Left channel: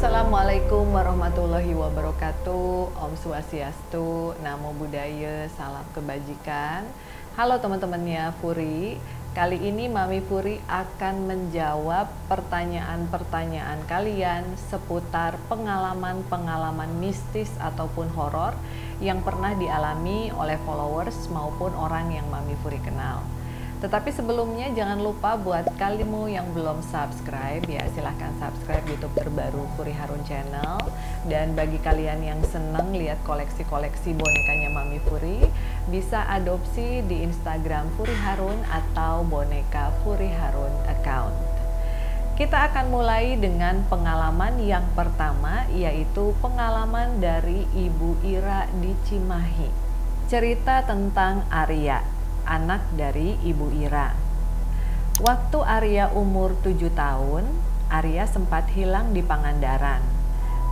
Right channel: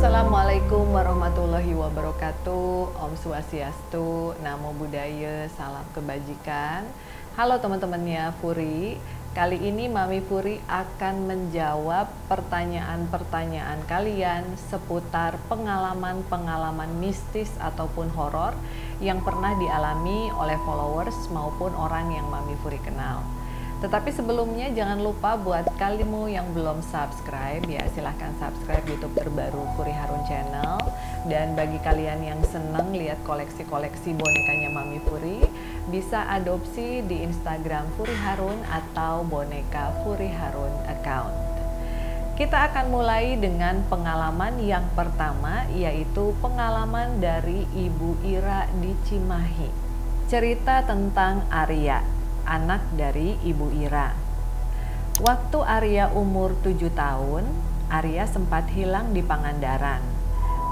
Assalamualaikum warahmatullahi wabarakatuh. Om Swastiastu, Namo Buddhaya, salam kebajikan. Halo teman-temannya Furi. Kali ini Mami Furi akan menjawab pertanyaan-pertanyaan kalian seputar pengalaman-pengalaman mistis ataupun horor yang pernah dialami oleh followers maupun orang yang Mami Furi kenal. Tetapi sebelumnya jangan lupa buat kalimu yang belum subscribe ya, silahkan subscribe YouTube terbaru Furi Harun Channel. Dan bagi kalian yang seneng lihat koleksi-koleksi bonekanya Mami Furi, bisa adopsi di Instagram Furi Harun atau boneka Furi Harun account. Kita akan mulai dengan pengalaman yang pertama, yaitu pengalaman dari Ibu Ira di Cimahi. Cerita tentang Arya, anak dari Ibu Ira. Waktu Arya umur 7 tahun, Arya sempat hilang di Pangandaran.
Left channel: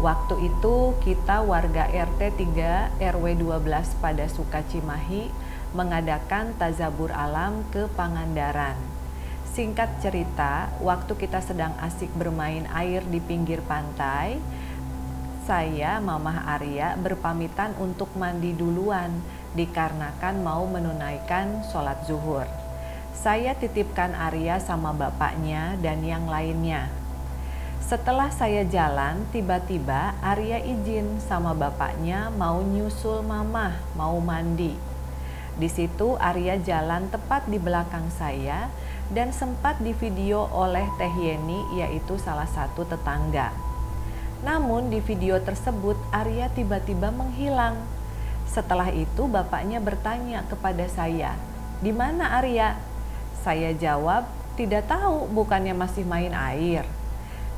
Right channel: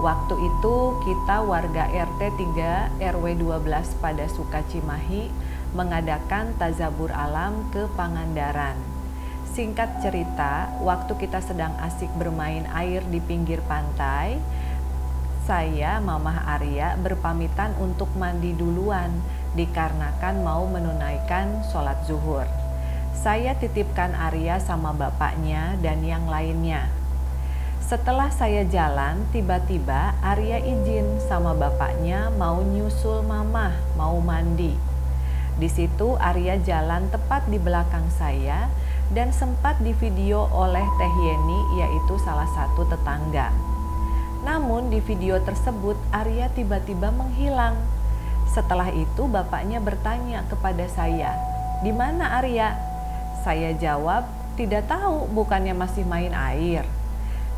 Waktu itu kita warga RT 3 RW 12 pada Suka Cimahi mengadakan tazabur alam ke Pangandaran. Singkat cerita, waktu kita sedang asik bermain air di pinggir pantai, saya, Mamah Arya berpamitan untuk mandi duluan dikarenakan mau menunaikan sholat zuhur. Saya titipkan Arya sama bapaknya dan yang lainnya. Setelah saya jalan, tiba-tiba Arya izin sama bapaknya mau nyusul Mamah, mau mandi. Di situ Arya jalan tepat di belakang saya dan sempat divideo oleh Teh Yeni, yaitu salah satu tetangga. Namun di video tersebut Arya tiba-tiba menghilang. Setelah itu bapaknya bertanya kepada saya, "Di mana Arya?" Saya jawab, "Tidak tahu, bukannya masih main air."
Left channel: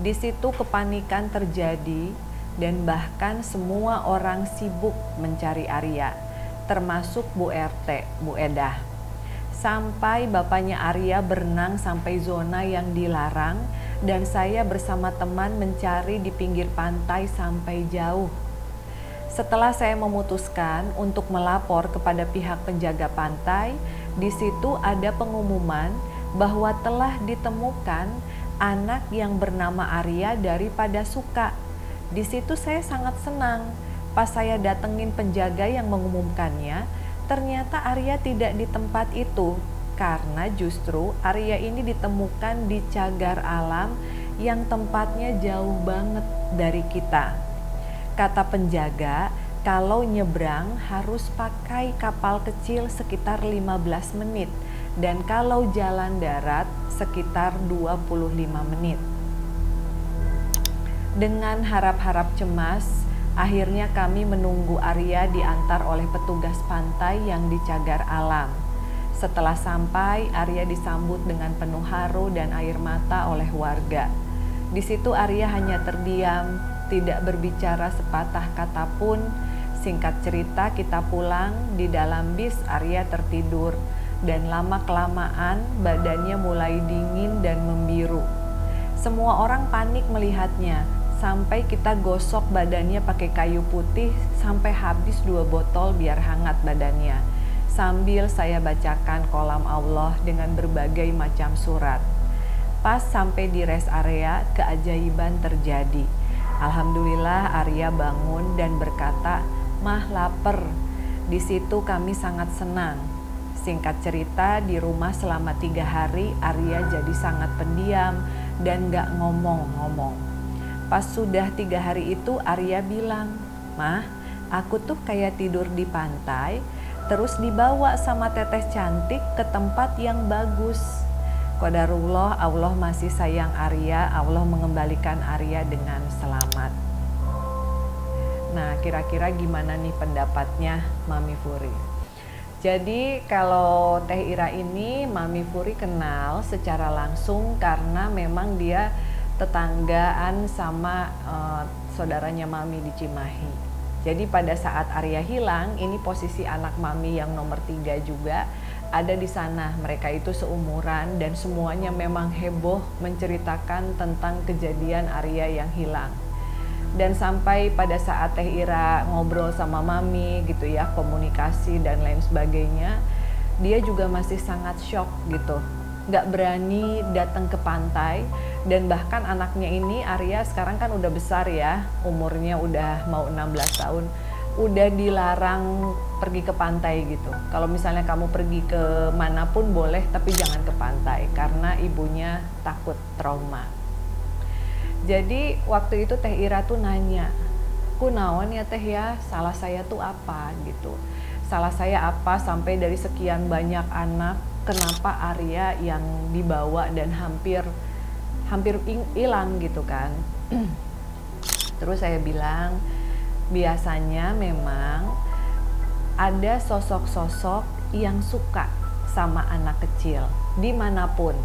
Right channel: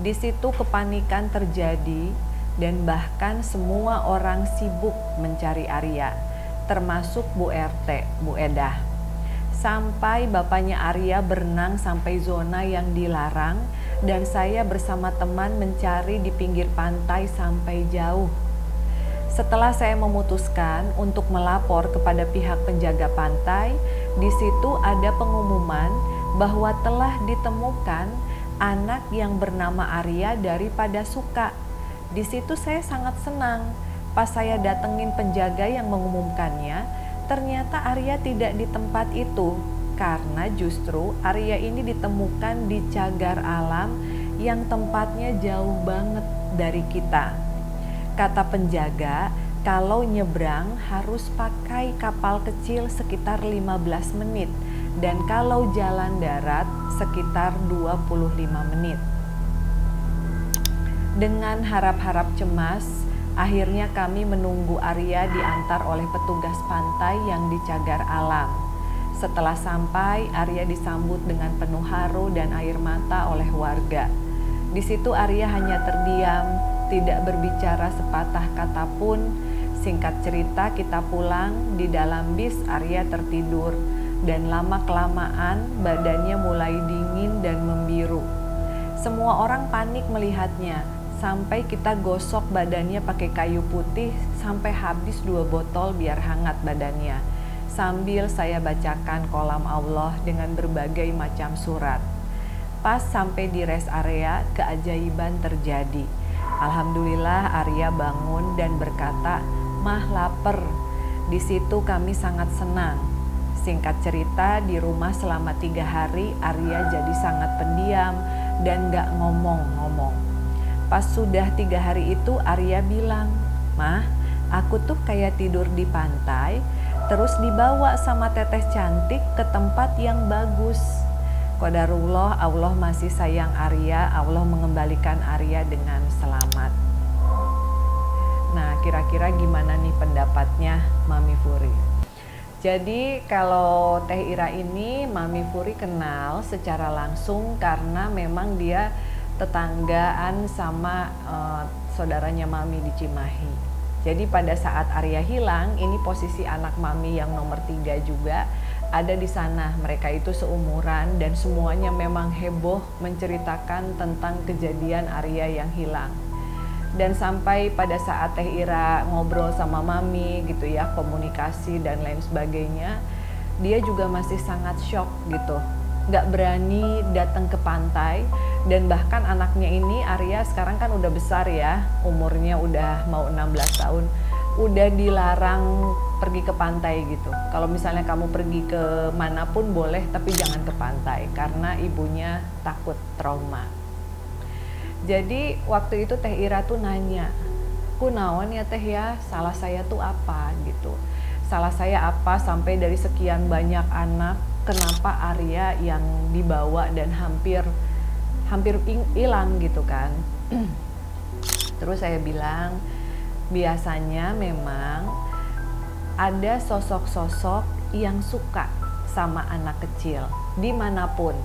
Di situ kepanikan terjadi dan bahkan semua orang sibuk mencari Arya, termasuk Bu RT, Bu Edah. Sampai bapaknya Arya berenang sampai zona yang dilarang dan saya bersama teman mencari di pinggir pantai sampai jauh. Setelah saya memutuskan untuk melapor kepada pihak penjaga pantai, di situ ada pengumuman bahwa telah ditemukan anak yang bernama Arya daripada Suka. Di situ saya sangat senang. Pas saya datengin penjaga yang mengumumkannya, ternyata Arya tidak di tempat itu, karena justru Arya ini ditemukan di cagar alam yang tempatnya jauh banget dari kita. Kata penjaga, kalau nyebrang harus pakai kapal kecil sekitar 15 menit dan kalau jalan darat sekitar 25 menit. Dengan harap-harap cemas, akhirnya kami menunggu Arya diantar oleh petugas pantai yang di cagar alam. Setelah sampai, Arya disambut dengan penuh haru dan air mata oleh warga. Di situ Arya hanya terdiam, tidak berbicara sepatah kata pun. Singkat cerita kita pulang, di dalam bis Arya tertidur dan lama-kelamaan badannya mulai dingin dan membiru. Semua orang panik melihatnya, sampai kita gosok badannya pakai kayu putih sampai habis 2 botol biar hangat badannya. Sambil saya bacakan kolam Allah dengan berbagai macam surat. Pas sampai di rest area, keajaiban terjadi. Alhamdulillah Arya bangun dan berkata, "Mah lapar." Di situ kami sangat senang. Singkat cerita, di rumah selama 3 hari Arya jadi sangat pendiam dan gak ngomong-ngomong. Pas sudah 3 hari itu Arya bilang, "Mah, aku tuh kayak tidur di pantai, terus dibawa sama teteh cantik ke tempat yang bagus." Qadarullah, Allah masih sayang Arya, Allah mengembalikan Arya dengan selamat. Nah, kira-kira gimana nih pendapatnya Mami Furi? Jadi kalau Teh Ira ini Mami Furi kenal secara langsung karena memang dia tetanggaan sama saudaranya Mami di Cimahi. Jadi pada saat Arya hilang, ini posisi anak Mami yang nomor 3 juga ada di sana. Mereka itu seumuran dan semuanya memang heboh menceritakan tentang kejadian Arya yang hilang. Dan sampai pada saat Teh Ira ngobrol sama Mami gitu ya, komunikasi dan lain sebagainya, dia juga masih sangat shock gitu. nggak berani datang ke pantai. Dan bahkan anaknya ini, Arya sekarang kan udah besar ya, umurnya udah mau 16 tahun, udah dilarang pergi ke pantai gitu. Kalau misalnya kamu pergi ke manapun boleh, tapi jangan ke pantai karena ibunya takut trauma. Jadi waktu itu Teh Ira tuh nanya, kunaon ya Teh ya, salah saya tuh apa gitu. Salah saya apa sampai dari sekian banyak anak, kenapa Arya yang dibawa dan hampir hilang gitu kan. Terus saya bilang, biasanya memang ada sosok-sosok yang suka sama anak kecil dimanapun.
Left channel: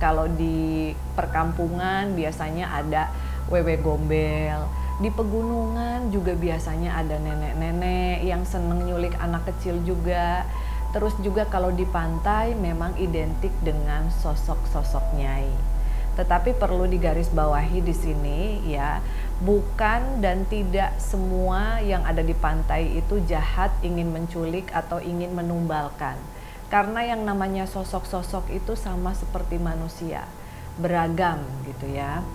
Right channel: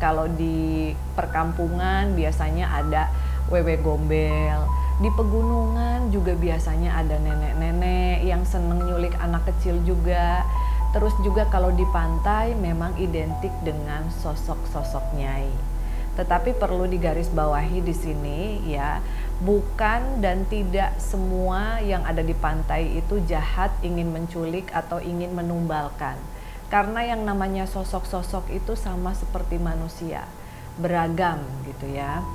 Kalau di perkampungan biasanya ada wewe gombel, di pegunungan juga biasanya ada nenek-nenek yang seneng nyulik anak kecil juga. Terus juga kalau di pantai memang identik dengan sosok-sosok nyai. Tetapi perlu digarisbawahi di sini ya, bukan dan tidak semua yang ada di pantai itu jahat, ingin menculik atau ingin menumbalkan. Karena yang namanya sosok-sosok itu sama seperti manusia, beragam gitu ya.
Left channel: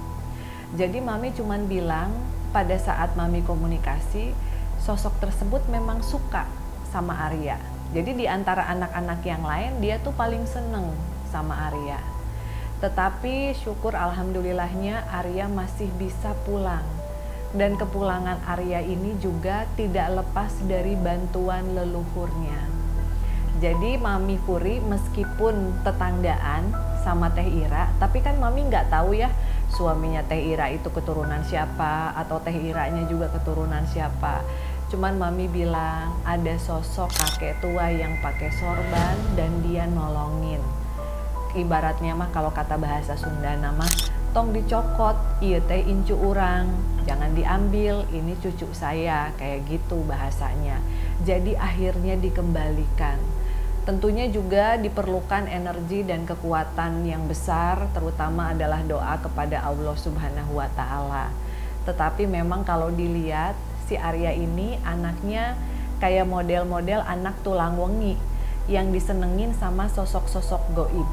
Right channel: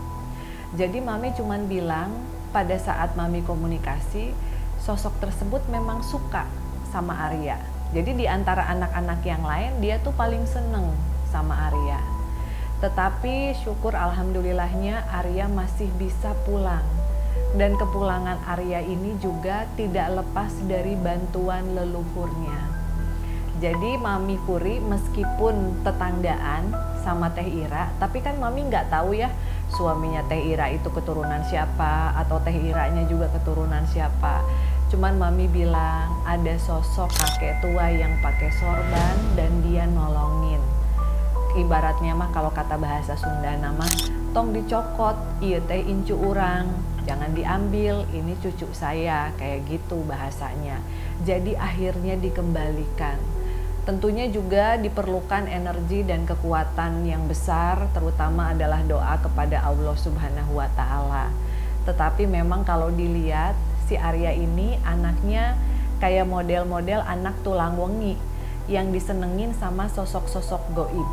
Jadi Mami cuman bilang pada saat Mami komunikasi, sosok tersebut memang suka sama Arya. Jadi di antara anak-anak yang lain dia tuh paling seneng sama Arya. Tetapi syukur alhamdulillahnya Arya masih bisa pulang. Dan kepulangan Arya ini juga tidak lepas dari bantuan leluhurnya. Jadi Mami Puri meskipun tetanggaan sama Teh Ira, tapi kan Mami nggak tahu ya suaminya Teh Ira itu keturunan siapa atau Teh Iranya juga keturunan siapa. Cuman Mami bilang ada sosok kakek tua yang pakai sorban dan dia nolongin. Ibaratnya mah kalau kata bahasa Sunda nama tong dicokot, iya teh incu urang, jangan diambil, ini cucu saya, kayak gitu bahasanya. Jadi akhirnya dikembalikan. Tentunya juga diperlukan energi dan kekuatan yang besar, terutama adalah doa kepada Allah Subhanahu wa Ta'ala. Tetapi memang kalau dilihat si Arya ini anaknya kayak model-model anak tulang wengi yang disenengin sama sosok-sosok goib.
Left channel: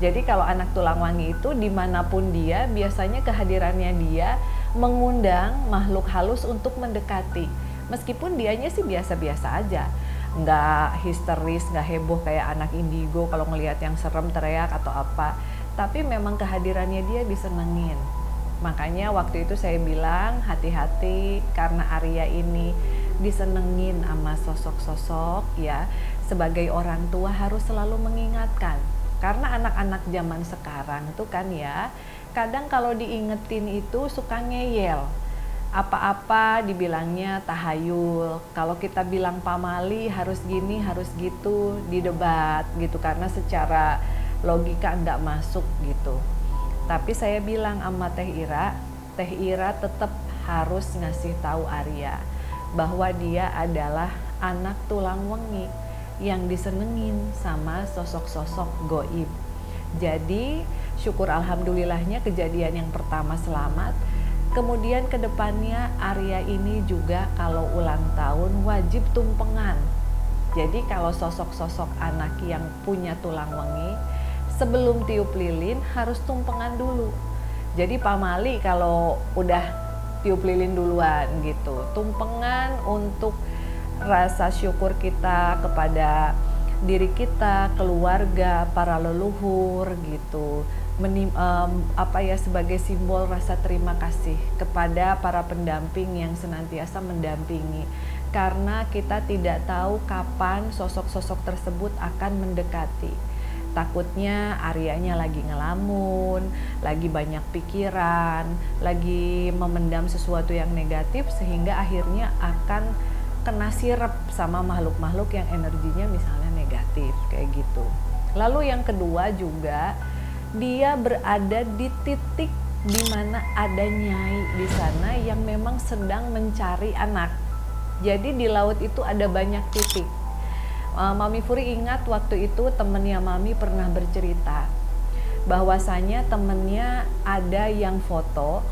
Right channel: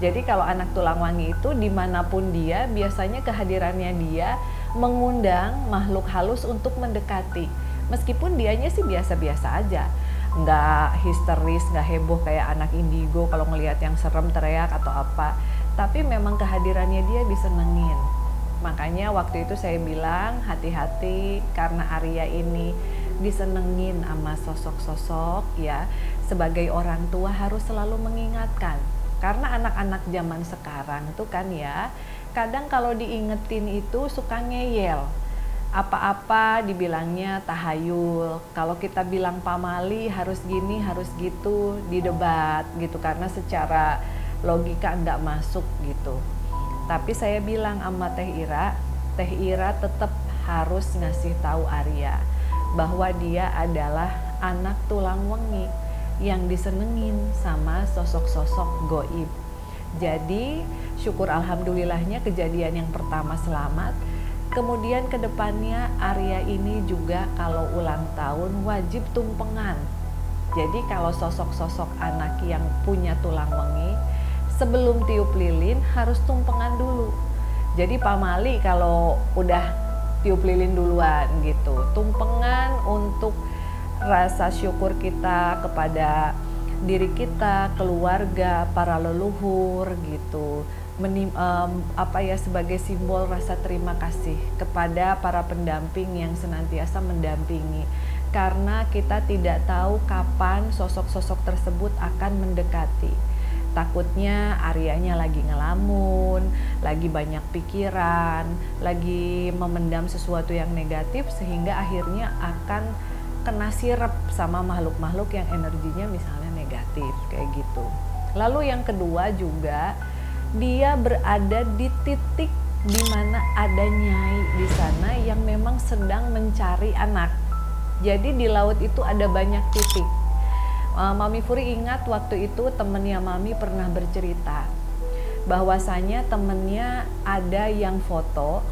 Jadi kalau anak tulang wangi itu dimanapun dia, biasanya kehadirannya dia mengundang makhluk halus untuk mendekati. Meskipun dianya sih biasa-biasa aja, nggak histeris, nggak heboh kayak anak indigo kalau ngelihat yang serem teriak atau apa. Tapi memang kehadirannya dia disenengin. Makanya waktu itu saya bilang hati-hati karena Arya ini disenengin sama sosok-sosok ya. Sebagai orang tua harus selalu mengingatkan. Karena anak-anak zaman sekarang itu kan ya, kadang kalau diingetin itu suka ngeyel. Apa-apa dibilangnya tahayul. Kalau kita bilang pamali harus gini, harus gitu, didebat gitu. Karena secara logika nggak masuk gitu. Tapi saya bilang sama Teh Ira tetap harus ngasih tahu Arya bahwa dia adalah anak tulang wengi yang disenengin sama sosok-sosok goib. Jadi syukur alhamdulillahnya kejadian yang pertama selamat. Kemudian kedepannya Arya ini juga kalau ulang tahun wajib tumpengan. Jadi kalau sosok-sosok anak yang punya tulang wengi sebelum tiup lilin harus tumpengan dulu. Jadi pamali kalau udah tiup lilin duluan gitu. Tumpengan untuk rasa syukur kita kepada diri kita, keluarga, para leluhur gitu. Sebagai simbol rasa terima kasih kepada para pendamping yang senantiasa mendampingi. Karena kita tidak tahu kapan sosok-sosok tersebut akan mendekati. Takutnya Aryanya lagi ngelamun, lagi banyak pikiran, lagi memendam sesuatu yang negatif sehingga akhirnya akan kena sirep sama makhluk-makhluk yang energinya misalnya negatif kayak gitu. Lalu yang kedua juga dia berada di titik di mana ada nyai di sana yang memang sedang mencari anak. Jadi di laut itu ada banyak titik. Mami Puri ingat waktu itu temennya Mami pernah bercerita bahwasanya temennya ada yang foto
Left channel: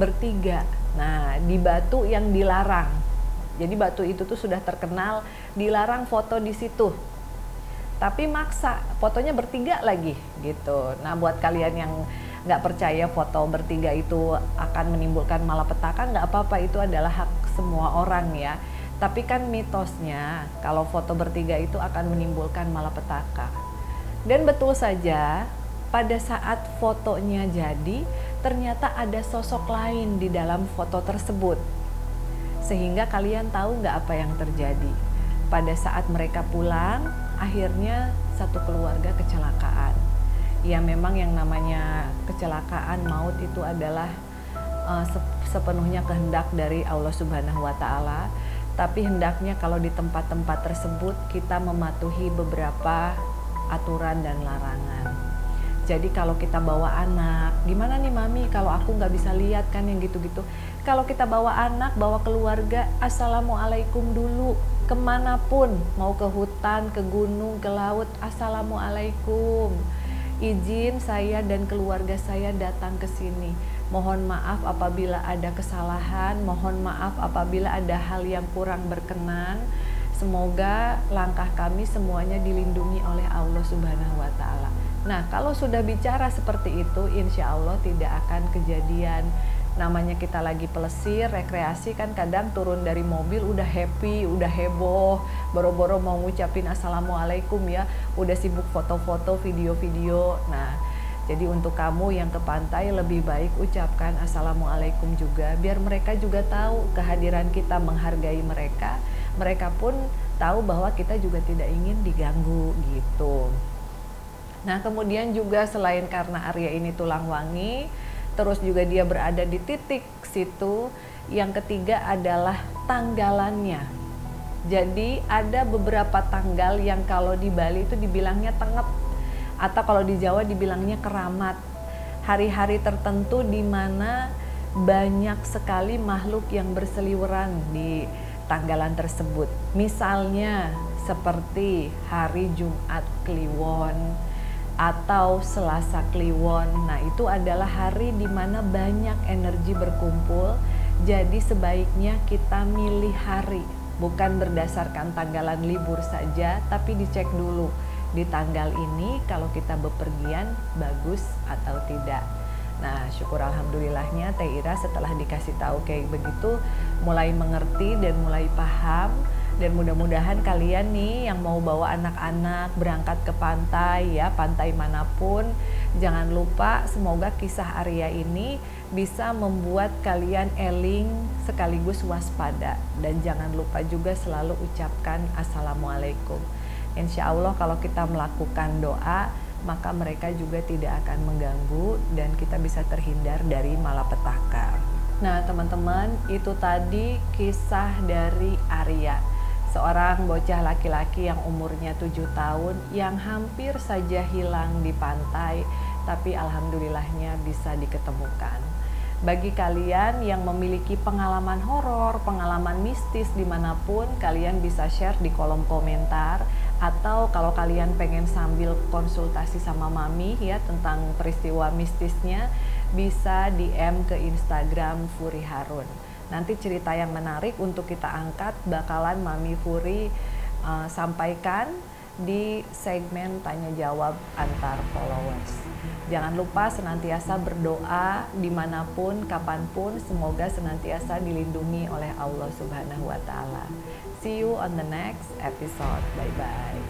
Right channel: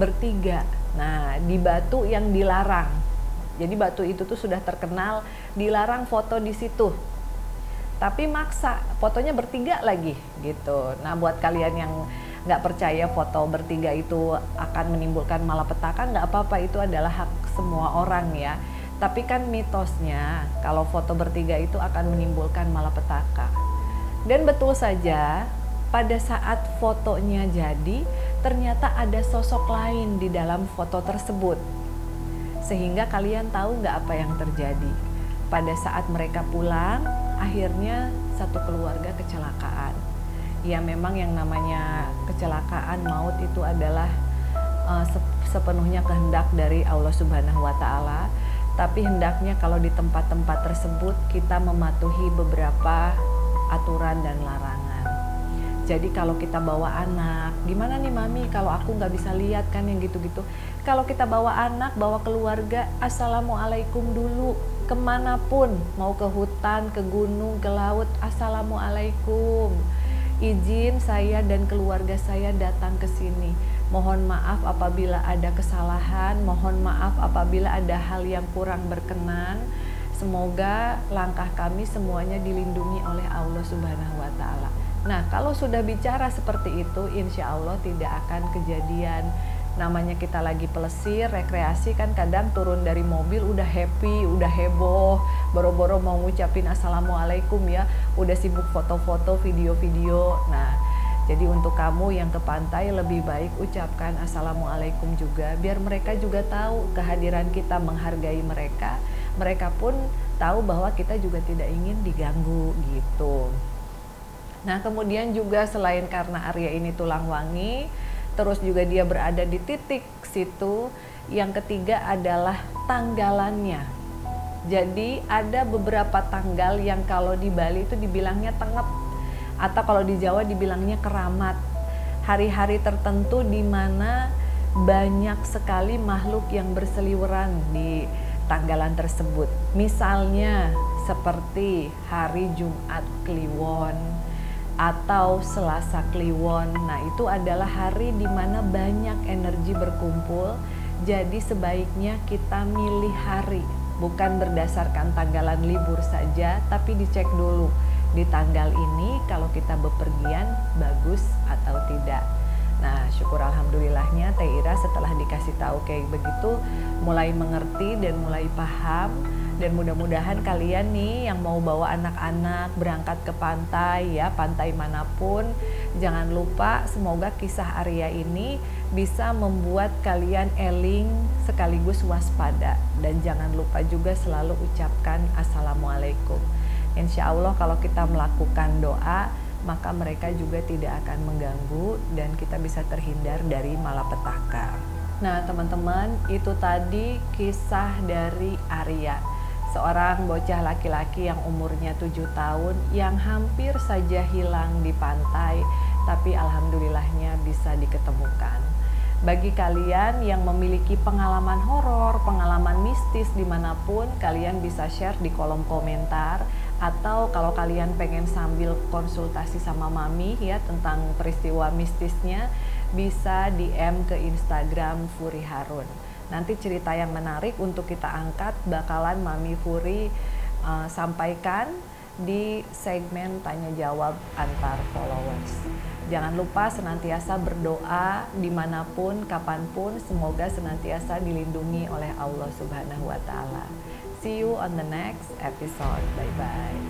bertiga. Nah di batu yang dilarang. Jadi batu itu tuh sudah terkenal, dilarang foto di situ. tapi maksa fotonya bertiga lagi gitu. Nah, buat kalian yang nggak percaya foto bertiga itu akan menimbulkan malapetaka, nggak apa-apa, itu adalah hak semua orang ya. Tapi kan mitosnya kalau foto bertiga itu akan menimbulkan malapetaka. Dan betul saja, pada saat fotonya jadi, ternyata ada sosok lain di dalam foto tersebut. Sehingga kalian tahu nggak apa yang terjadi? Pada saat mereka pulang, akhirnya satu keluarga kecelakaan. Ya memang yang namanya kecelakaan maut itu adalah sepenuhnya kehendak dari Allah Subhanahu wa Ta'ala. Tapi hendaknya kalau di tempat-tempat tersebut kita mematuhi beberapa aturan dan larangan. Jadi kalau kita bawa anak, gimana nih mami kalau aku nggak bisa lihat kan yang gitu-gitu. Kalau kita bawa anak, bawa keluarga, assalamualaikum dulu. Kemanapun, mau ke hutan, ke gunung, ke laut, assalamualaikum. Izin saya dan keluarga saya datang ke sini. Mohon maaf apabila ada kesalahan, mohon maaf apabila ada hal yang kurang berkenan. Semoga langkah kami semuanya dilindungi oleh Allah Subhanahu wa Ta'ala. Nah, kalau sudah bicara seperti itu, insya Allah tidak akan kejadian. Namanya kita lagi pelesir, rekreasi kan kadang turun dari mobil udah happy, udah heboh, boro-boro mau ngucapin assalamualaikum ya, udah sibuk foto-foto, video-video. Nah, jadi untuk kamu yang ke pantai lebih baik ucapkan assalamualaikum juga, biar mereka juga tahu kehadiran kita menghargai mereka. Mereka pun tahu bahwa kita juga tidak ingin diganggu gitu. Nah, kemudian juga selain karena Arya ini tulang wangi, terus juga dia berada di titik situ, yang ketiga adalah tanggalannya. Jadi ada beberapa tanggal yang kalau di Bali itu dibilangnya tengep, atau kalau di Jawa dibilangnya keramat. Hari-hari tertentu di mana banyak sekali makhluk yang berseliweran di tanggalan tersebut. Misalnya seperti hari Jumat Kliwon atau Selasa Kliwon. Nah, itu adalah hari di mana banyak energi berkumpul. Jadi sebaiknya kita milih hari, bukan berdasarkan tanggalan libur saja, tapi dicek dulu di tanggal ini kalau kita bepergian bagus atau tidak. Nah, syukur alhamdulillahnya Teh Ira setelah dikasih tahu kayak begitu mulai mengerti dan mulai paham. Dan mudah-mudahan kalian nih yang mau bawa anak-anak berangkat ke pantai ya, pantai manapun, jangan lupa semoga kisah Arya ini bisa membuat kalian eling sekaligus waspada. Dan jangan lupa juga selalu ucapkan assalamualaikum. Insya Allah kalau kita melakukan doa, maka mereka juga tidak akan mengganggu dan kita bisa terhindar dari malapetaka. Nah teman-teman, itu tadi kisah dari Arya, seorang bocah laki-laki yang umurnya 7 tahun yang hampir saja hilang di pantai, tapi alhamdulillahnya bisa diketemukan. Bagi kalian yang memiliki pengalaman horor, pengalaman mistis dimanapun, kalian bisa share di kolom komentar. Atau kalau kalian pengen sambil konsultasi sama Mami ya tentang peristiwa mistisnya, bisa DM ke Instagram Furi Harun. Nanti cerita yang menarik untuk kita angkat bakalan Mami Furi sampaikan di segmen tanya jawab antar followers. Jangan lupa senantiasa berdoa dimanapun, kapanpun, semoga senantiasa dilindungi oleh Allah Subhanahu wa Ta'ala. See you on the next episode. Bye-bye.